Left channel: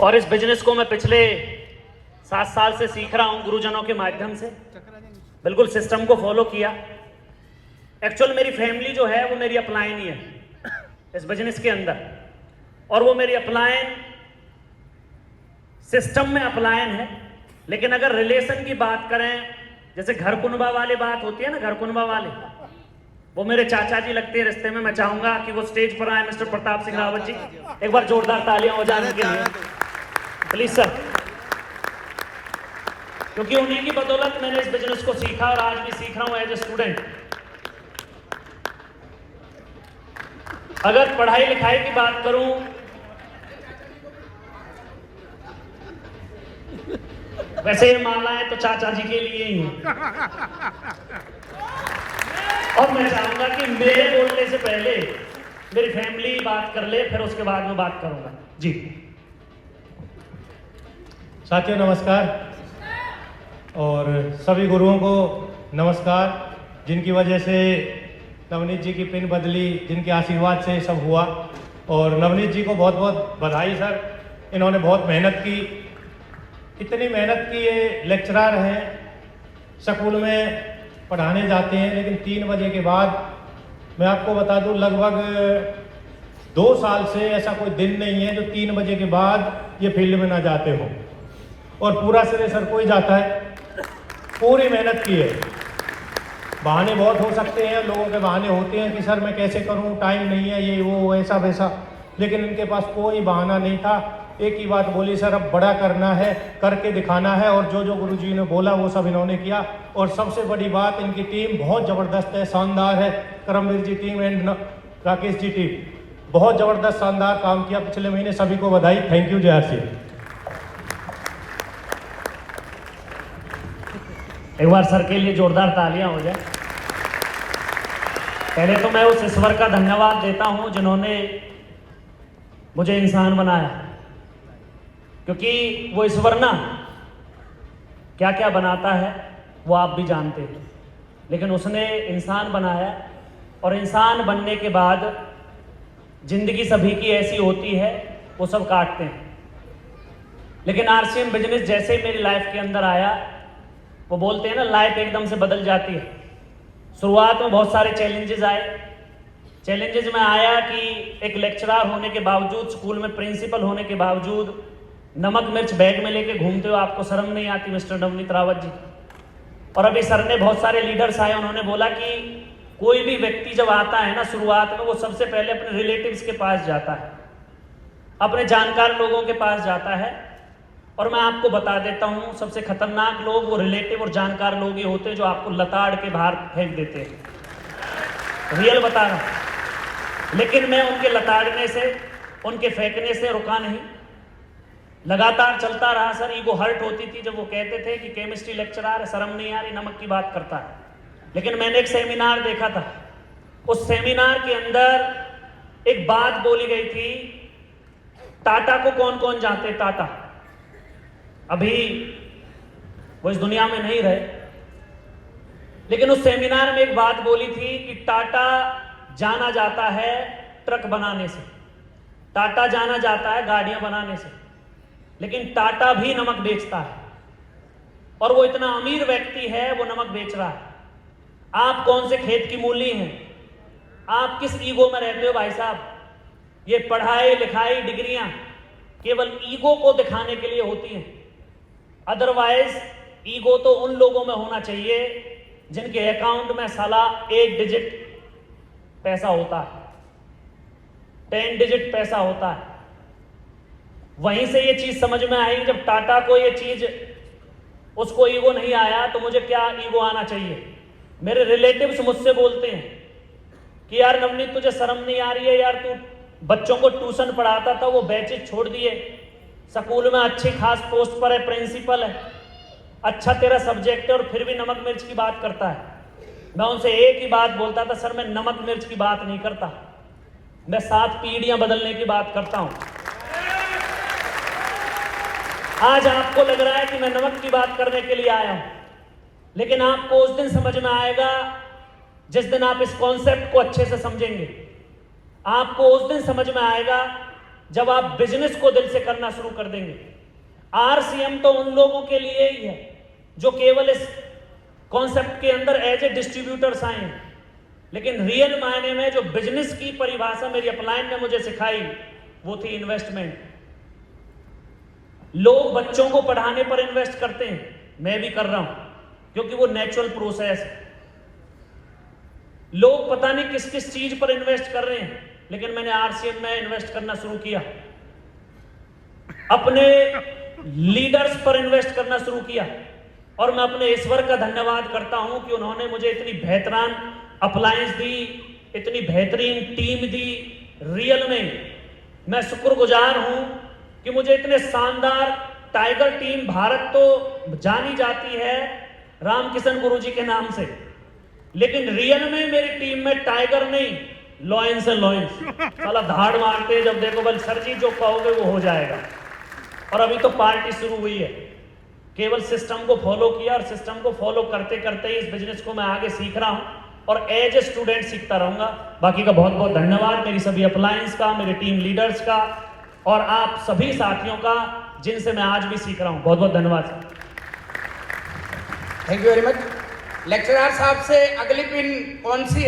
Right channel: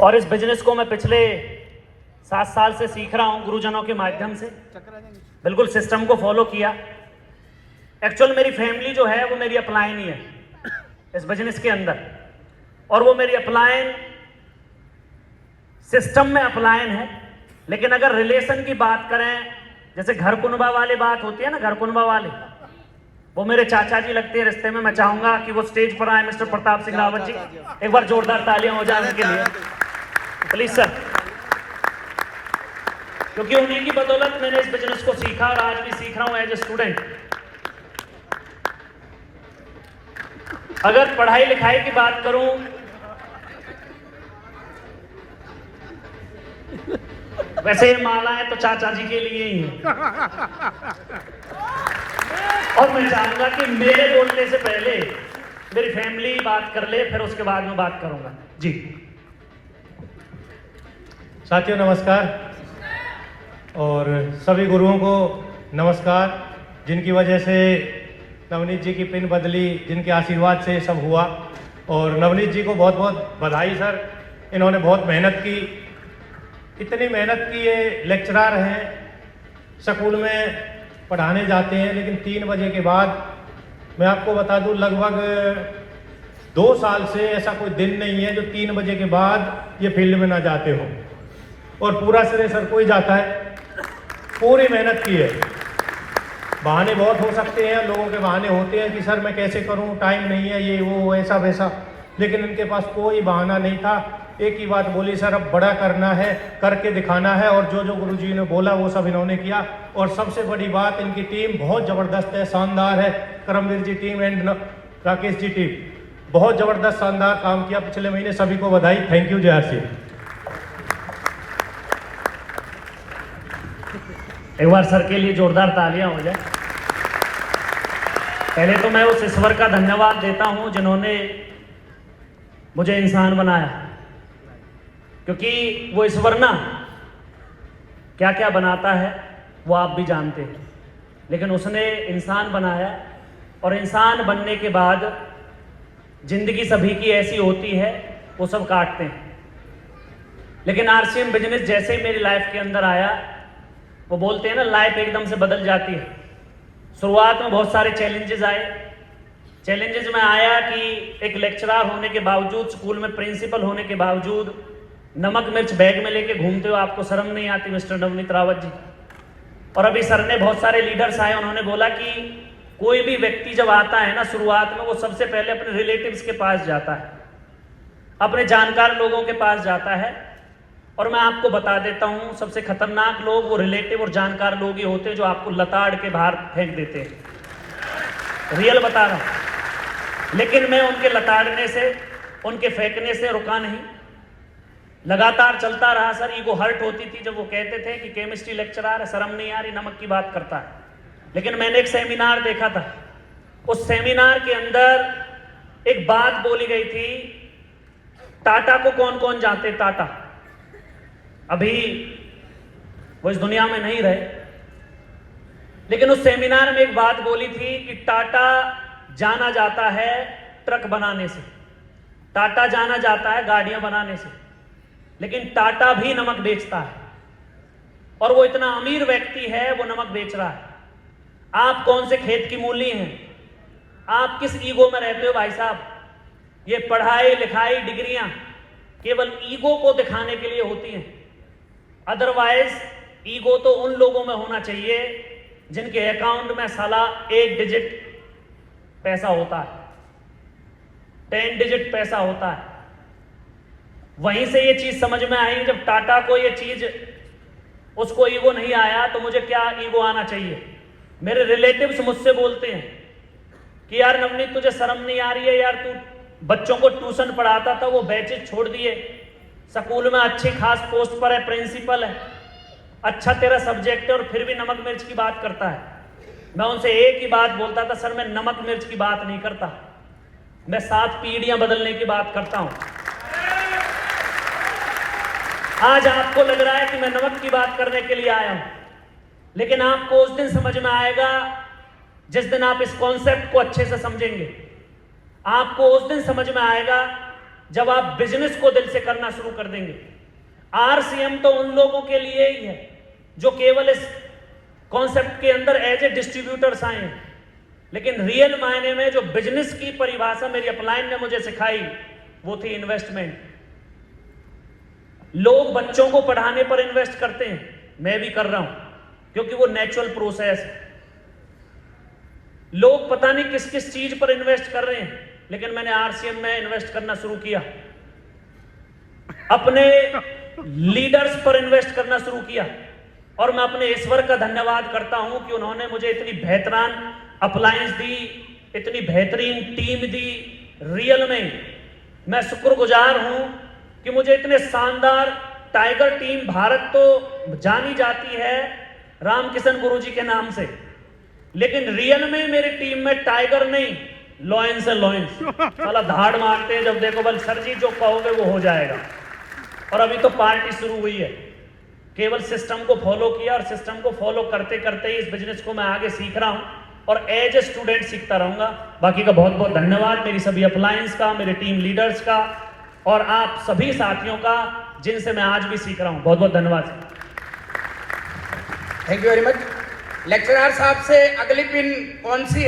और इस बिजनेस को मैं पिछले 7 साल से सीख रहा हूं गुरुजनों के माध्यम से, बिल्कुल सिस्टम को फॉलो किया। एक्चुअल मेरी फैमिली जो है वो मेरी अपलाइन ही है इस बिजनेस के अंदर, और वो मेरी अपलाइन सिस्टम में अपलाइन है। लेकिन अगर रिलेशन की बात करें, जैसे घर कुनबा वाली बात होती है ना, घर कुनबा वाले, वो मेरे चाचा जी लगते हैं रिश्ते में। मैं चाहूंगा कि वो स्टेज पर आए, मिस्टर प्रताप सिंह रावत जी। एक बार जोरदार तालियां हो जाए उनके लिए, प्लीज सर। क्योंकि उन्हीं की बदौलत मैंने इस बिजनेस को सीखा और आज भी सीख रहा हूं एज ए स्टूडेंट। अगर पढ़ाई लिखाई की बात करूं, वैसे ही मानना है तो चाचा जी के लिए ही है। और मैं चाहूंगा कि मेरे बोलने से पहले मेरी फैमिली बात कर ले, फिर उसके बाद मैं बात करूंगा जी। साथियों नमस्कार, और सभी गुरुओं को नमस्कार, जिनकी वजह से नवनीत जी की पिन बदली, जिनके आशीर्वाद से सब हुआ। और नवनीत जी को बहुत बहुत बधाई सर, इन्होंने बहुत मेहनत की, इतनी मेहनत की। ये लेक्चरर हैं, स्कूल में पढ़ाने जाते हैं, लेकिन 3 बजे के बाद, मैं आपको बता दूं, लगभग 2 साल से ऐसा कोई दिन नहीं है जो 3 बजे के बाद ये फील्ड में ना जाते हो। और पूरा सिरे सर कोई जाता है, पूरी मेहनत की है। बहाने बहुत हो सकते हैं, लोगों के बहाने होते हैं कि सर मैं कैसे करूं, टाइम नहीं है, ये वो ऐसा वैसा, लेकिन इनके पास कोई बहाना नहीं था। एक ही बात बोली, सर अब बड़ा करना है, करके दिखाना है। और जो जो गुरुजी ने बोला वो सब इन्होंने किया। और सबसे बड़ी बात, इनकी टीम बहुत ज़बरदस्त है, शानदार है। Karamveer ji team and Rakesh ji team बहुत ज़बरदस्त शानदार काम किया पिछले महीने। सभी को बधाई, थैंक यू, जय आरसी। एक बार सर के लिए जोरदार तालियां हो जाए। पहले तो मैं उस ईश्वर का धन्यवाद देता हूं जिन्होंने मुझे इंसान बनाया, क्योंकि वो ईश्वर ना क्या क्या बनाता है वो आप भी जानते हैं, लेकिन उसने इंसान बनाया। और इंसान बनने के बाद जिंदगी सभी की ऐसी होती है, वो सब काटते हैं। लेकिन आरसीएम बिजनेस जैसे ही मेरी लाइफ के अंदर आया, वो बोलते हैं ना, लाइफ एकदम से बदल जाती है। शुरुआत में बहुत सारे चैलेंजेस आए। चैलेंजेस में आया कि एक लेक्चरर होने के बावजूद, स्कूल में प्रिंसिपल होने के बावजूद, नमक मिर्च बैग में लेके घूमते हो, आपको शर्म नहीं आती मिस्टर नवनीत रावत जी। और अभी सर ने, बहुत सारे लीडर्स आए, उन्होंने बोला कि कोई भी व्यक्ति जब आता है ना शुरुआत में, वो सबसे पहले अपने रिलेटिव्स के पास जाता है, अपने जानकार लोगों के पास जाता है। और मैं आपको बता देता हूं, सबसे खतरनाक लोग वो रिलेटिव और जानकार लोग ये होते हैं जो आपको लताड़ के बाहर फेंक देते हैं। रियल बता रहा। लेकिन मैं उनके लताड़ने से, उनके फेंकने से रुका नहीं, लगातार चलता रहा। सर ईगो हर्ट होती थी जब वो कहते थे कि केमिस्ट्री लेक्चरर है, शर्म नहीं आ रही, नमक की बात करता है। लेकिन मैंने एक सेमिनार देखा था, उस सेमिनार के अंदर एक बात बोली गई थी। टाटा को कौन कौन जानते? टाटा अभी वो इस दुनिया में नहीं रहे, लेकिन उस सेमिनार में एक बात बोली थी कि टाटा जाना जाता है ट्रक बनाने से, टाटा जाना जाता है गाड़ियां बनाने से, लेकिन टाटा भी नमक बेचता है। और वो इतना अमीर व्यक्ति है, वो नमक बेच रहा है। आप कौन से खेत की मूली हैं? आप किस ईगो में रहते हो भाई साहब? ये पढ़ाई लिखाई डिग्रियां केवल ईगो को दिखाने के लिए होती हैं। अदरवाइज ईगो तो उन लोगों में होना चाहिए जिनके अकाउंट में साला 1 डिजिट पैसा होता है, 10 डिजिट पैसा होता है। वहीं से ये चीज समझ में आई। जब टाटा को ये चीज, उसको ईगो नहीं आया, तो मुझे क्या ईगो आना चाहिए? मेरे रिलेटिव्स मुझसे बोलते हैं कि यार नवनीत, तुझे शर्म नहीं आ रही है यार, तू बच्चों को ट्यूशन पढ़ाता था, वो बैचेज छोड़ दिए, स्कूल में अच्छी खास पोस्ट पर है, प्रिंसिपल है, अच्छा तेरा सब्जेक्ट है, और फिर भी नमक मिर्च की बात करता है। मैं उनसे एक ही बात बोलता था, सर मैं नमक मिर्च की बात नहीं करता, मैं 7 पीढ़ियां बदलने की बात करता हूं। आज आपको लग रहा है कि मैं नमक की बात करने के लिए आया हूं, लेकिन आपको उस दिन समझ में आएगा जिस दिन आप इस कॉन्सेप्ट को अच्छे से समझेंगे। आपको उस दिन समझ में आएगा जब आप बिजनेस को दिल से करना शुरू कर देंगे। आरसीएम तो उन लोगों के लिए ही है जो केवल इस कॉन्सेप्ट के अंदर एज ए डिस्ट्रीब्यूटर्स आए हैं, लेकिन रियल मायने में जो बिजनेस की परिभाषा मेरी अपलाइन ने मुझे सिखाई वो थी इन्वेस्टमेंट। लोग बच्चों को पढ़ाने पर इन्वेस्ट करते हैं, मैं भी कर रहा हूं क्योंकि वो नेचुरल प्रोसेस है। लोग पता नहीं किस किस चीज पर इन्वेस्ट कर रहे हैं, लेकिन मैंने आरसीएम में इन्वेस्ट करना शुरू किया, अपने लीडर्स पर इन्वेस्ट करना शुरू किया। और मैं अपने ईश्वर का धन्यवाद करता हूं कि उन्होंने मुझे इतनी बेहतरीन अप्लायंस दी, इतनी बेहतरीन टीम दी। रियल में मैं शुक्रगुजार हूं कि मुझे इतने शानदार टाइगर टीम, भारत तो जानी जाती है रामकिशन गुरुजी के नाम से, लेकिन रियल में मेरी टीम में टाइगर नहीं, लॉयंस है, लॉयंस। साला धाड़ मारते हैं जब देखो, बल सर जी जो कहोगे वो हो जाएगा। और अभी तो पार्टी शुरू हुई है, केवल सिस्टम को फॉलो किया और सिस्टम को फॉलो करते करते ही इस बिजनेस को मैं आगे सीख रहा हूं और एज ए स्टूडेंट सीखता रहूंगा। बाकी का बहुत बहुत धन्यवाद मेरी सभी अपलायंस का, मेरे टीम लीडर्स का और आप सभी साथियों का जिनसे मैं आज भी सीख रहा हूं। बहुत बहुत धन्यवाद। Thank you very much. Lecturer साहब से अगली पिन कौन सी है?